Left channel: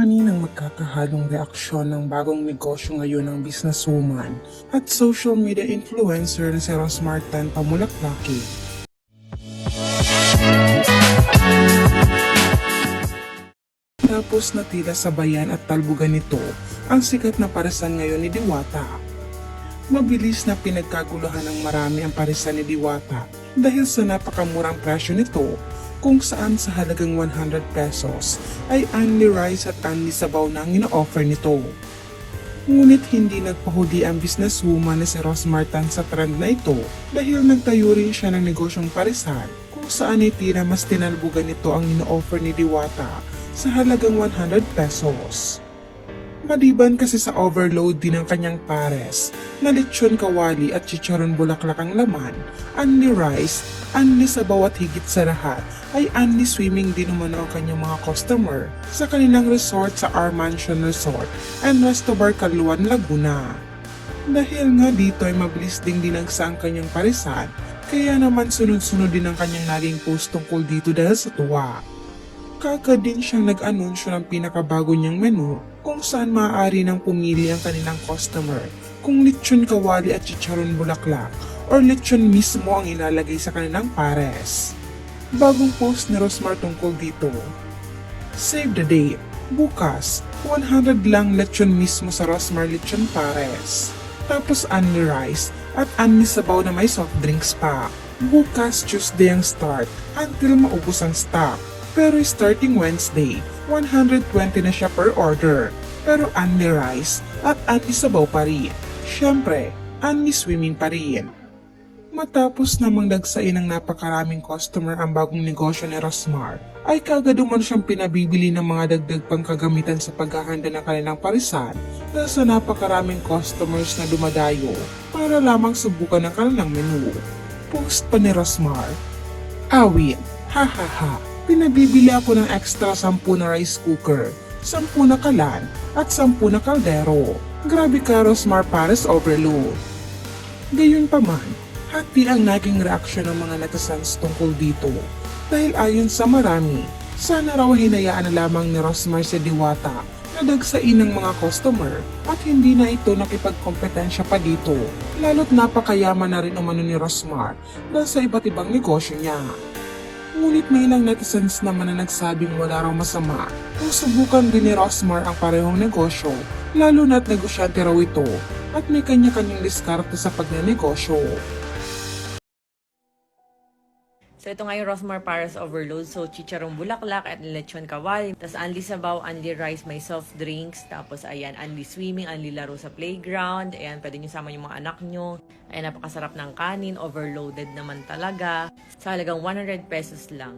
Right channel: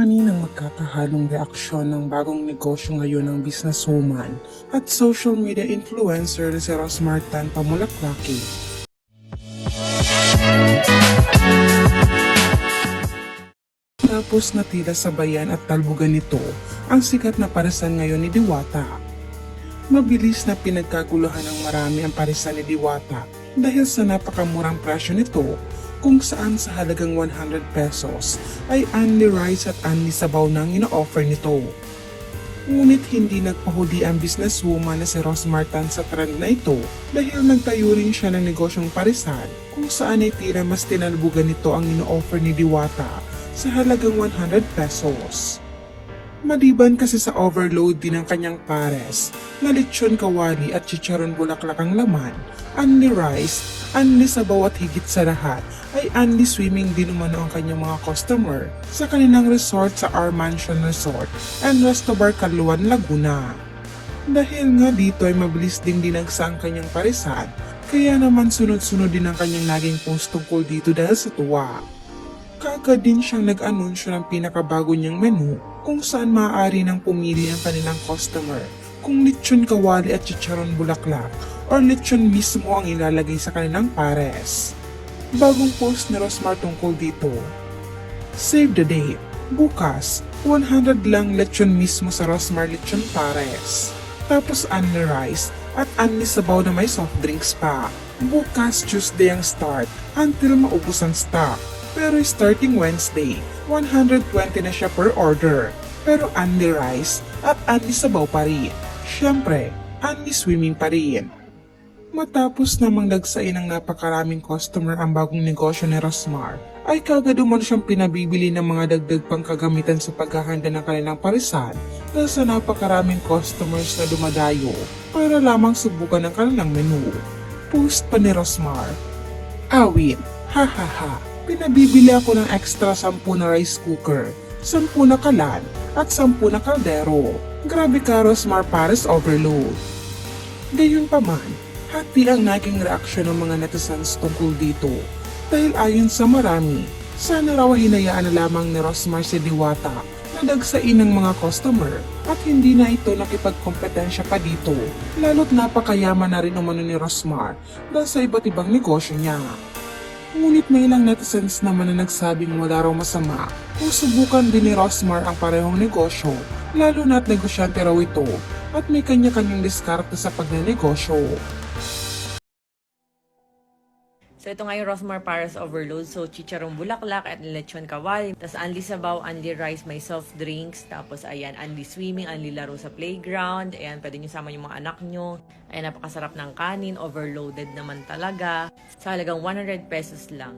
Ani ng magkakahalong reaksyon ng bagong negosyo ngayon ng businesswoman at social media influencer na si Rosmar Tan Pamulaklaki. Tapos natila sa bayan at talbugan nito ang sikat na parisan ngayon ni Diwata. Mabilis na pinagkaguluhan ng marami ang parisan ni Diwata dahil sa napakamurang presyo nito kung saan sa halagang 100 pesos ay only rice at only sabaw na ang ino-offer nito. Ngunit hindi nagpahuli ang businesswoman na si Rose Martin sa trend na ito dahil nagtayo rin siya ng negosyong parisan kung saan ay mas tinalbugan nito ang ino-offer ni Diwata sa halagang 100 pesos. Maliban kasi sa overload din ng kanyang pares na lechon kawali at chicharon bulaklak ang laman, only rice, only sabaw at higit sa lahat ay only swimming din naman ang kanyang mga customer sa kanilang resort sa Our Mansion Resort and Resto Bar Carluan, Laguna. Dahil nga dito ay mabilis ding dinagsa ang kanyang parisan, kaya naman sunod-sunod din ang kanyang naging post tungkol dito dahil sa tuwa. Kagad din siyang nag-anunsyo ng pinakabago niyang menu kung saan maaari nang pumili ang kanilang customer kung lechon kawali at chicharon bulaklak or lechon mismo ang ilalagay sa kanilang pares. Bagong post ni Rosmar tungkol dito. Save the date. Bukas, 100 lang lechon mismo sa Rosmar Lechon Pares. Tapos only rice at only sabaw na may soft drinks pa. Bukas Tuesday ang start until maubos ang stock. Pero starting Wednesday, 120 na siya per order. Pero only rice at only sabaw pa rin. Siyempre, only swimming pa rin. Matapos namang nagsain ng napakaraming customer ang bagong negosyo ni Rosmar, ay kagad umano siyang pinabibili ng mga dagdag pang kagamitan sa paghahanda ng kanilang parisan na sa napakaraming customers na dumadayo para lamang subukan ang kanilang menu. Post pa ni Rosmar, Awit, ha ha ha, pinagbibili ako ng extra 10 na rice cooker, 10 na kalan, at 10 na kaldero. Grabe ka Rosmar Paris Overload. Gayun pa man, hati ang naging reaksyon ng mga netizens tungkol dito. Dahil ayon sa marami, sana raw hinayaan na lamang ni Rosmar si Diwata na dagsain ng mga customer at hindi na ito nakipagkompetensya pa dito. Lalo't napakayaman na rin umano ni Rosmar dahil sa iba't ibang negosyo niya. Ngunit may ilang netizens naman na nagsabing wala raw masama kung subukan din ni Rosmar ang parehong negosyo, lalo na't negosyante raw ito at may kanya-kanyang diskarte sa pagnenegosyo. So ito nga yung Rosmar Paris Overload. So chicharong bulaklak at lechon kawali. Tapos only sabaw, only rice, may soft drinks. Tapos ayan, only swimming, only laro sa playground. Ayan, pwede nyo sama yung mga anak nyo. Ayan, napakasarap ng kanin. Overloaded naman talaga. Sa halagang 100 pesos lang.